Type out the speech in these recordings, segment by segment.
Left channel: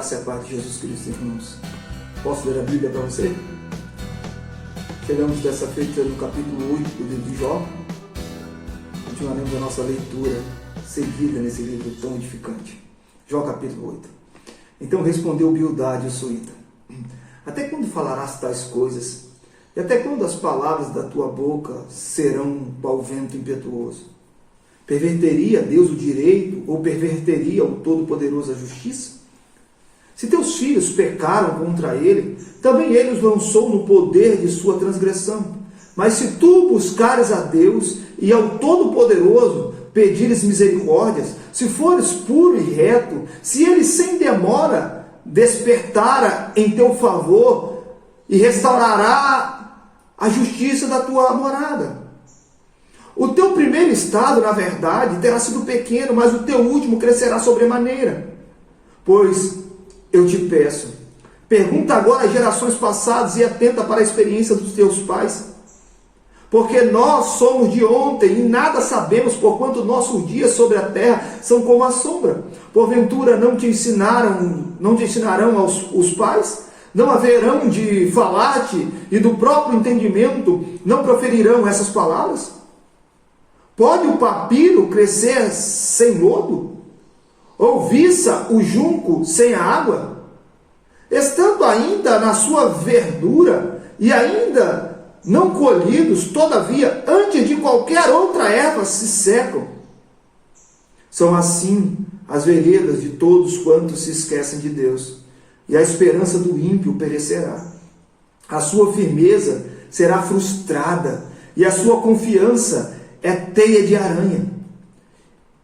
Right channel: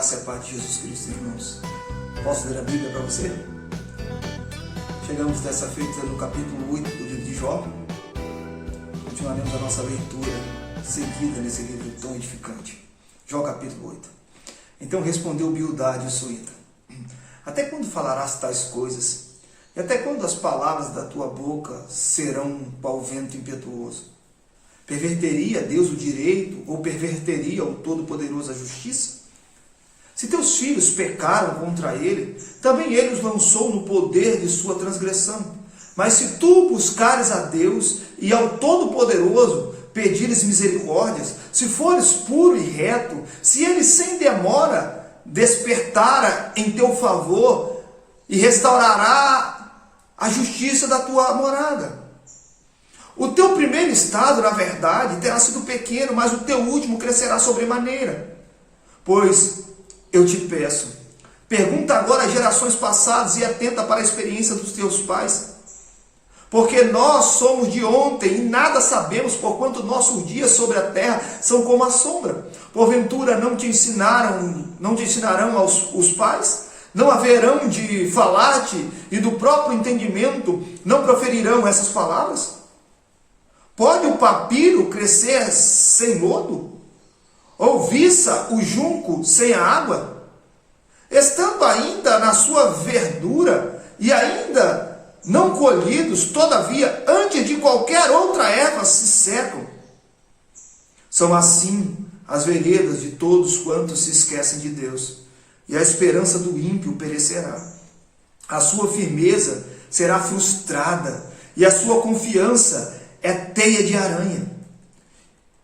graça e a paz de Jesus Cristo, irmãos. Posso ler a Bíblia para você? Chegamos dessa feita no capítulo 8 do livro de Jó. Continuaremos a nossa leitura seguida nesse livro tão edificante. Jó capítulo 8. Então respondeu Bildade o suíta: até quando falarás tais coisas? E até quando as palavras da tua boca serão qual vento impetuoso? Perverteria Deus o direito ou perverteria o Todo-Poderoso a justiça? Se teus filhos pecaram contra ele, também ele os lançou no poder de sua transgressão. Mas se tu buscares a Deus e ao Todo-Poderoso pedires misericórdias, se fores puro e reto, se ele sem demora despertara em teu favor e restaurará a justiça da tua morada. O teu primeiro estado, na verdade, terá sido pequeno, mas o teu último crescerá sobremaneira. Pois eu te peço, pergunta agora às gerações passadas e atenta para a experiência dos teus pais. Porque nós somos de ontem e nada sabemos, porquanto nossos dias sobre a terra são como a sombra. Porventura não te ensinarão os pais? Não haverão de falar-te e do próprio entendimento não proferirão essas palavras? Pode o papiro crescer sem lodo? Ou viça o junco sem a água? Estando ainda na sua verdura e ainda não colhidos, todavia, antes de qualquer outra erva se secam. São assim as veredas de todos quantos se esquecem de Deus, e a esperança do ímpio perecerá. A sua firmeza será frustrada, e a sua confiança é teia de aranha.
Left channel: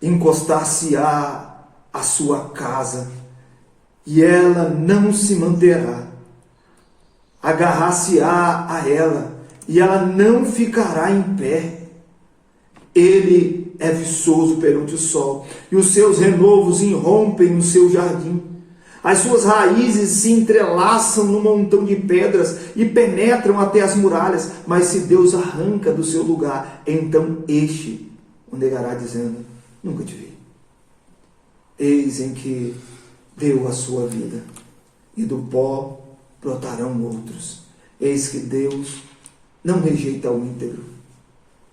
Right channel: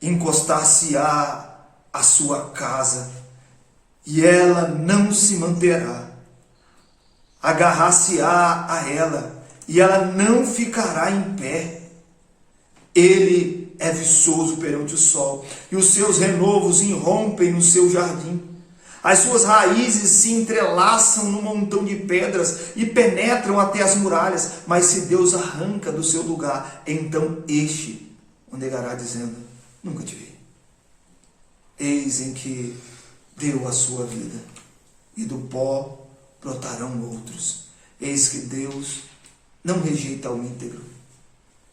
Encostar-se-á a sua casa, e ela não se manterá. Agarrar-se-á a ela, e ela não ficará em pé. Ele é viçoso perante o sol, e os seus renovos irrompem no seu jardim. As suas raízes se entrelaçam no montão de pedras e penetram até as muralhas. Mas se Deus arranca do seu lugar, então este o negará, dizendo: nunca te vi. Eis em que deu a sua vida, e do pó brotarão outros. Eis que Deus não rejeita o íntegro,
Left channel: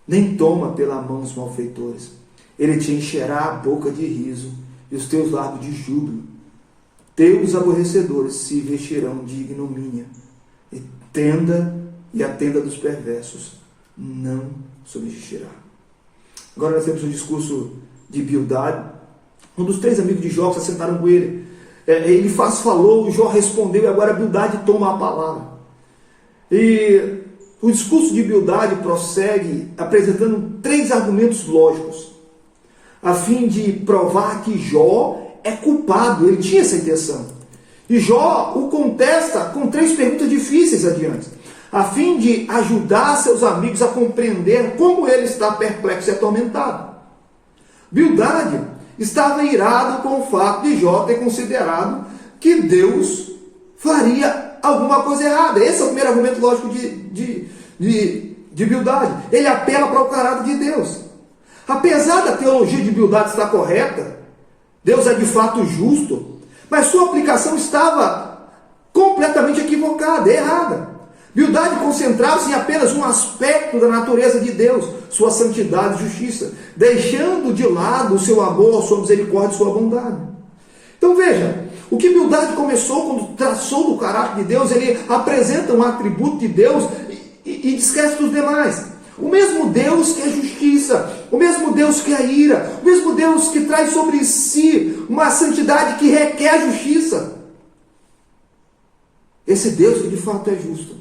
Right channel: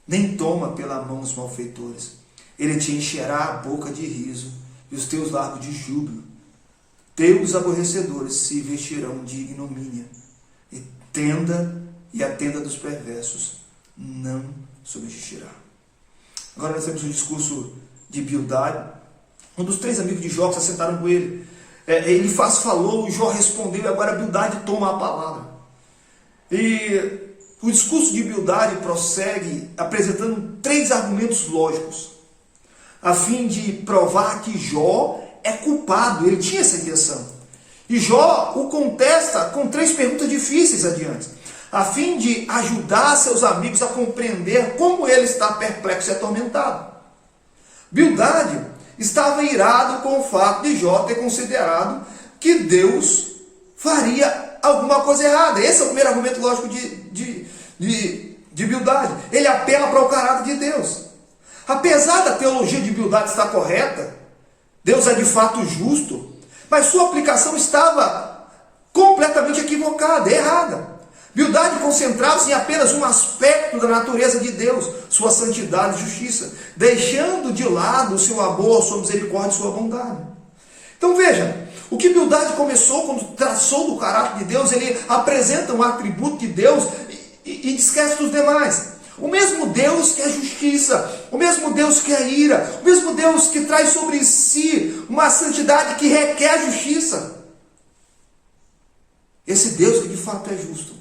nem toma pela mão os malfeitores. Ele te encherá a boca de riso e os teus lábios de júbilo. Teus aborrecedores se vestirão de ignomínia, e a tenda dos perversos não subsistirá. Agora nós temos o discurso de Bildade, um dos 3 amigos de Jó que se assentaram com ele. Ele falou, o Jó respondeu, e agora Bildade toma a palavra. E o discurso de Bildade prossegue apresentando 3 argumentos lógicos, a fim de provar que Jó é culpado. Ele tinha essa intenção. E Jó o contesta com 3 perguntas difíceis adiante, a fim de ajudar seus amigos a compreender como ele está perplexo e atormentado. Bildade estava irado com o fato de Jó ter considerado que Deus faria alguma coisa errada. Esse é o primeiro argumento lógico de Bildade. Ele apela para o caráter de Deus. Apesar da teologia de Bildade estar correta, Deus é de fato justo, mas sua aplicação estava completamente equivocada, errada. Bildade concentrava-se em apenas um aspecto da natureza de Deus, sua santidade e justiça, deixando de lado o seu amor, sua misericórdia e sua bondade. Então veja, o que Bildade começou quando traçou do caráter de Deus, ele apresenta um atributo de Deus e esquece dos demais. O mesmo Deus que é justiça, o mesmo Deus que é ira, o mesmo Deus que traz sobre si uma santidade que requer justiça. Esse Deus que de fato é justo,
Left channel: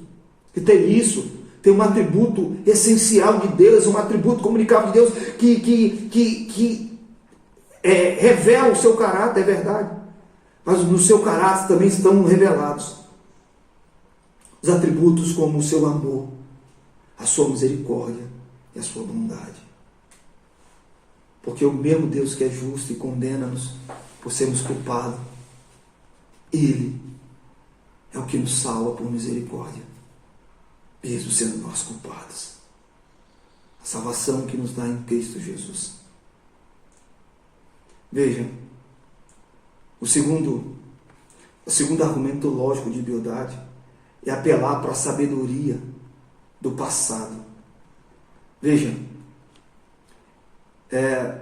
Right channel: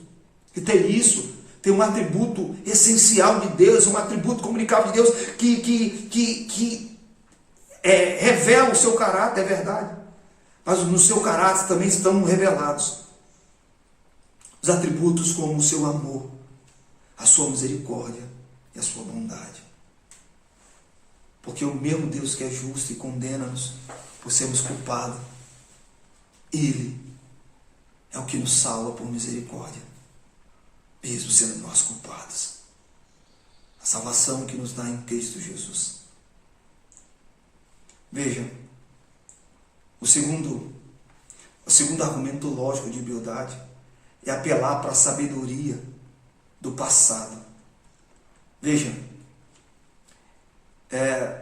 que tem isso, tem um atributo essencial de Deus, um atributo comunicável de Deus que revela o seu caráter, é verdade. Mas no seu caráter também estão revelados os atributos como o seu amor, a sua misericórdia e a sua bondade. Porque o mesmo Deus que é justo e condena-nos por sermos culpados, Ele é o que nos salva por misericórdia, mesmo sendo nós culpados. A salvação que nos dá em Cristo Jesus. Veja, o segundo O segundo argumento lógico de Bildade é apelar para a sabedoria do passado. Veja,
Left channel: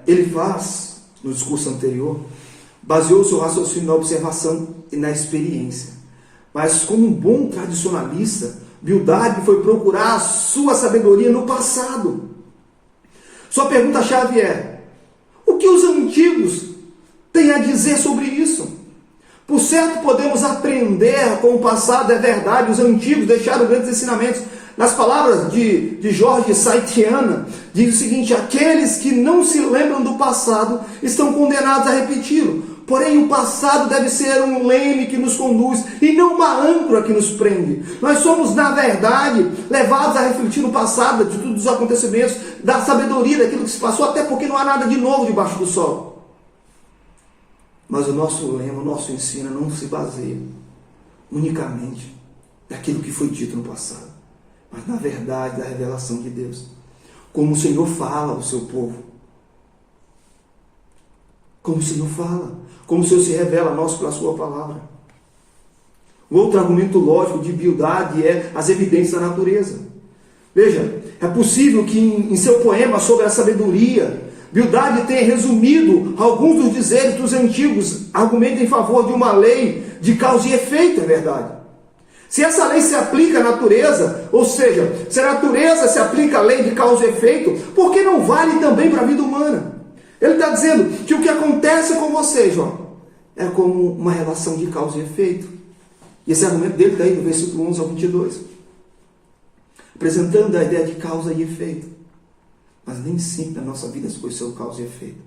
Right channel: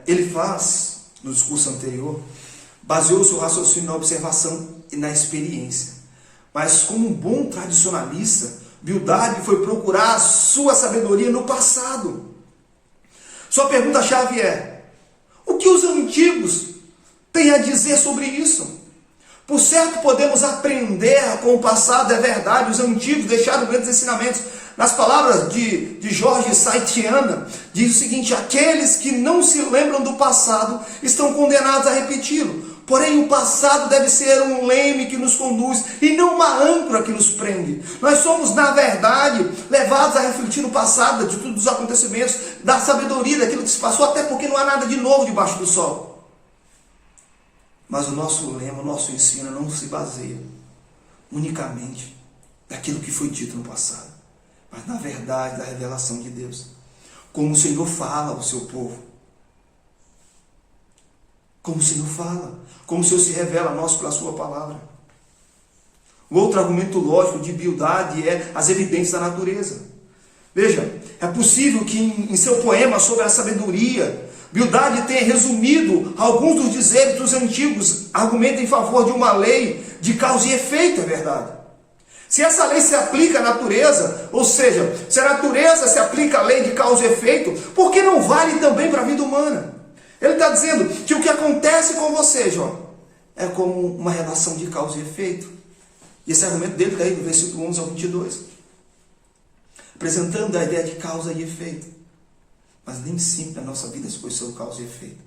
ele faz, no discurso anterior, baseou seu raciocínio na observação e na experiência. Mas como um bom tradicionalista, Bildade foi procurar a sua sabedoria no passado. Sua pergunta-chave é: o que os antigos têm a dizer sobre isso? Por certo, podemos aprender com o passado, é verdade, os antigos deixaram grandes ensinamentos. Nas palavras de Jorge Saitiana, diz o seguinte: aqueles que não se lembram do passado estão condenados a repeti-lo. Porém, o passado deve ser um leme que nos conduz e não uma âncora que nos prende. Nós somos, na verdade, levados a refletir no passado, de todos os acontecimentos, da sabedoria daquilo que se passou, até porque não há nada de novo debaixo do sol. Mas o nosso lema, o nosso ensino não se baseia unicamente daquilo que foi dito no passado, mas na verdade da revelação de Deus. Como o Senhor fala ao seu povo. Como o Senhor fala. Como o Senhor se revela a nós pela sua palavra. O outro argumento lógico de Bildade é as evidências da natureza. Veja, é possível que em seu poema sobre a sabedoria, Bildade tenha resumido alguns dos dizeres dos antigos, argumentos em favor de uma lei de causa e efeito, é verdade. Se essa lei se aplica à natureza, ou seja, se a natureza se aplica à lei de causa e efeito, por que não vale também para a vida humana? Ele está dizendo que o que acontece com você, Jó, é como uma relação de causa e efeito. E esse argumento dele está aí no versículo 11 ao 22. Apresentando a ideia de causa e efeito. Mas nem sempre a nossa vida se foi seu causa e efeito.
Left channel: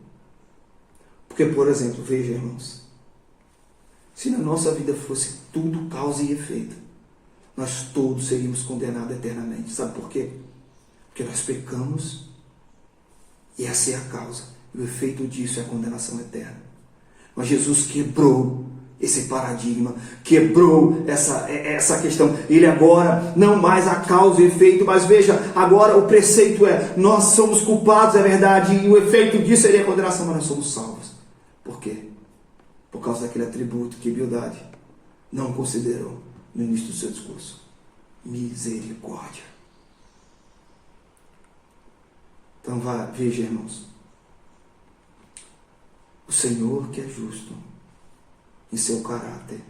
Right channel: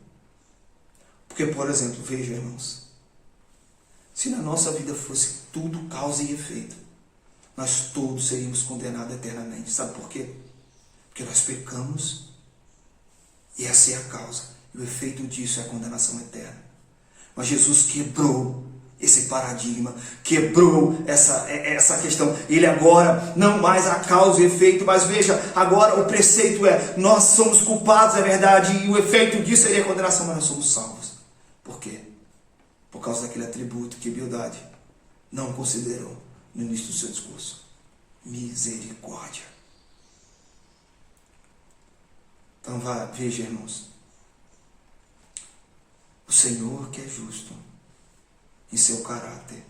Porque, por exemplo, veja, irmãos, se na nossa vida fosse tudo causa e efeito, nós todos seríamos condenados eternamente. Sabe por quê? Porque nós pecamos e essa é a causa. E o efeito disso é a condenação eterna. Mas Jesus quebrou esse paradigma, quebrou essa questão. Ele agora, não mais a causa e efeito, mas veja, agora o preceito é: nós somos culpados, é verdade, e o efeito disso seria a condenação, mas nós somos salvos. Por quê? Por causa daquele atributo que Bildade não considerou no início do seu discurso: misericórdia. Então veja, irmãos, o Senhor que é justo em seu caráter,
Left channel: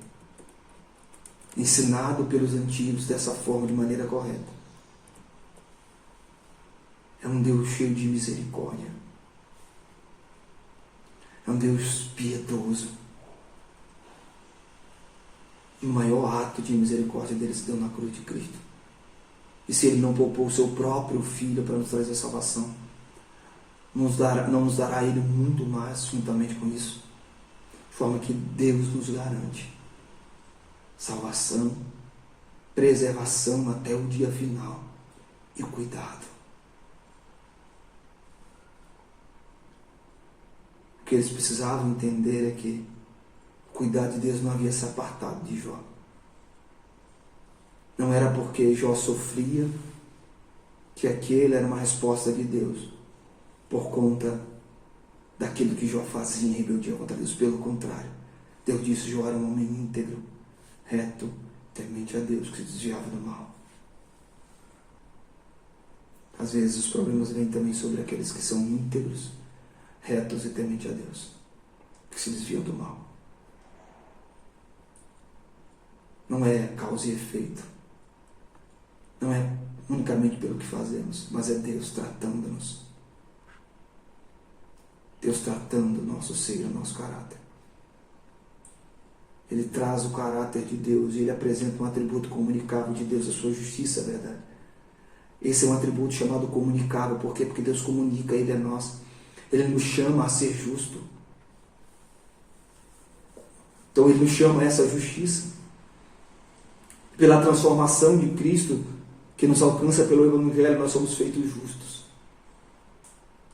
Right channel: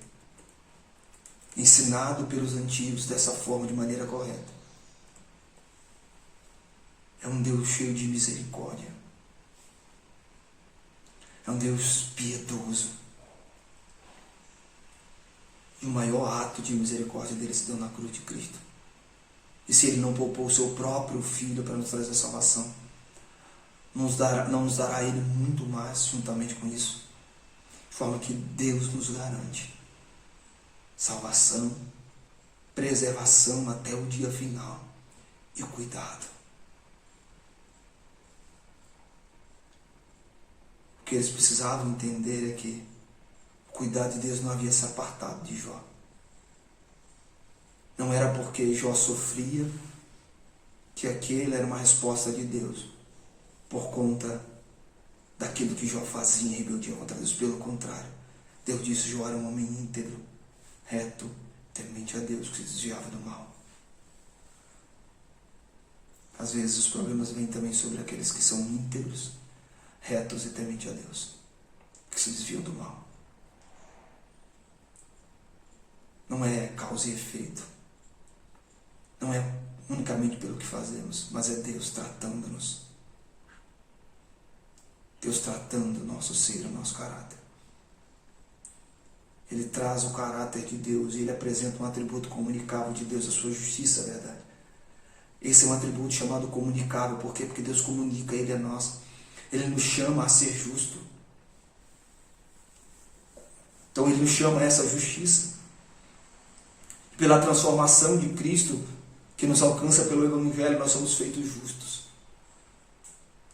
ensinado pelos antigos dessa forma, de maneira correta, é um Deus cheio de misericórdia, é um Deus piedoso. E o maior ato de misericórdia dele se deu na cruz de Cristo. E se ele não poupou o seu próprio Filho para nos trazer a salvação, não nos dará ele muito mais juntamente com isso, de forma que Deus nos garante salvação, preservação até o dia final e cuidado. O que eles precisavam entender é que o cuidado de Deus não havia se apartado de Jó. Não era porque Jó sofria que aquele era uma resposta de Deus por conta daquilo que Jó fazia em rebeldia contra Deus. Pelo contrário, Deus disse que Jó era um homem íntegro, reto, temente a Deus, que se desviava do mal. Às vezes os problemas vêm também sobre aqueles que são íntegros, retos e temente a Deus, que se desviam do mal. Não é causa e efeito. Não é unicamente pelo que fazemos, mas é Deus tratando-nos. Deus tratando o nosso ser, o nosso caráter. Ele traz o caráter de Deus e ele apresenta um atributo comunicável de Deus, a sua justiça, é verdade. Esse é um atributo chamado comunicável. Por quê? Porque Deus comunica ele a nós. Ele nos chama a ser justo. Então ele nos chama a essa justiça. Pela transformação de Cristo, que nos alcança pelo Evangelho, nós somos feitos justos.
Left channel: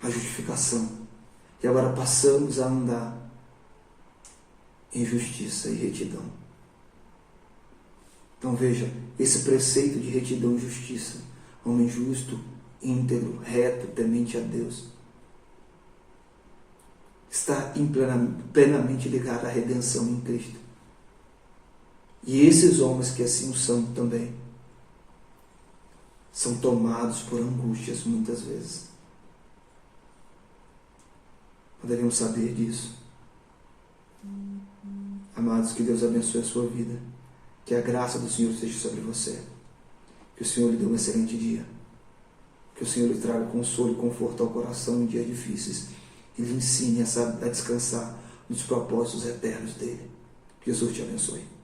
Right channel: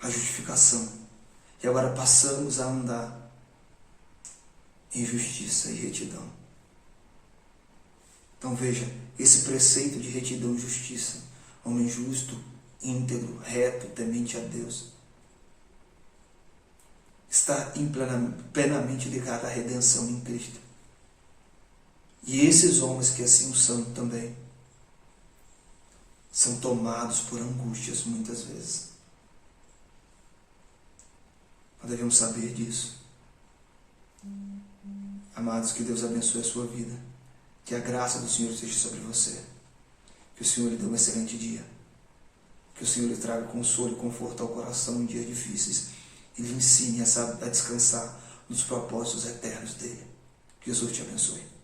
A justificação. E agora passamos a andar em justiça e retidão. Então veja, esse preceito de retidão e justiça, homem justo, íntegro, reto, temente a Deus, está plenamente ligado à redenção em Cristo. E esses homens que assim o são também, são tomados por angústias muitas vezes. Nós devemos saber disso. Amados, que Deus abençoe a sua vida. Que a graça do Senhor esteja sobre você. Que o Senhor lhe dê um excelente dia. Que o Senhor lhe traga consolo e conforto ao coração em dias difíceis. E lhe ensine a descansar nos propósitos eternos dele. Que Jesus te abençoe.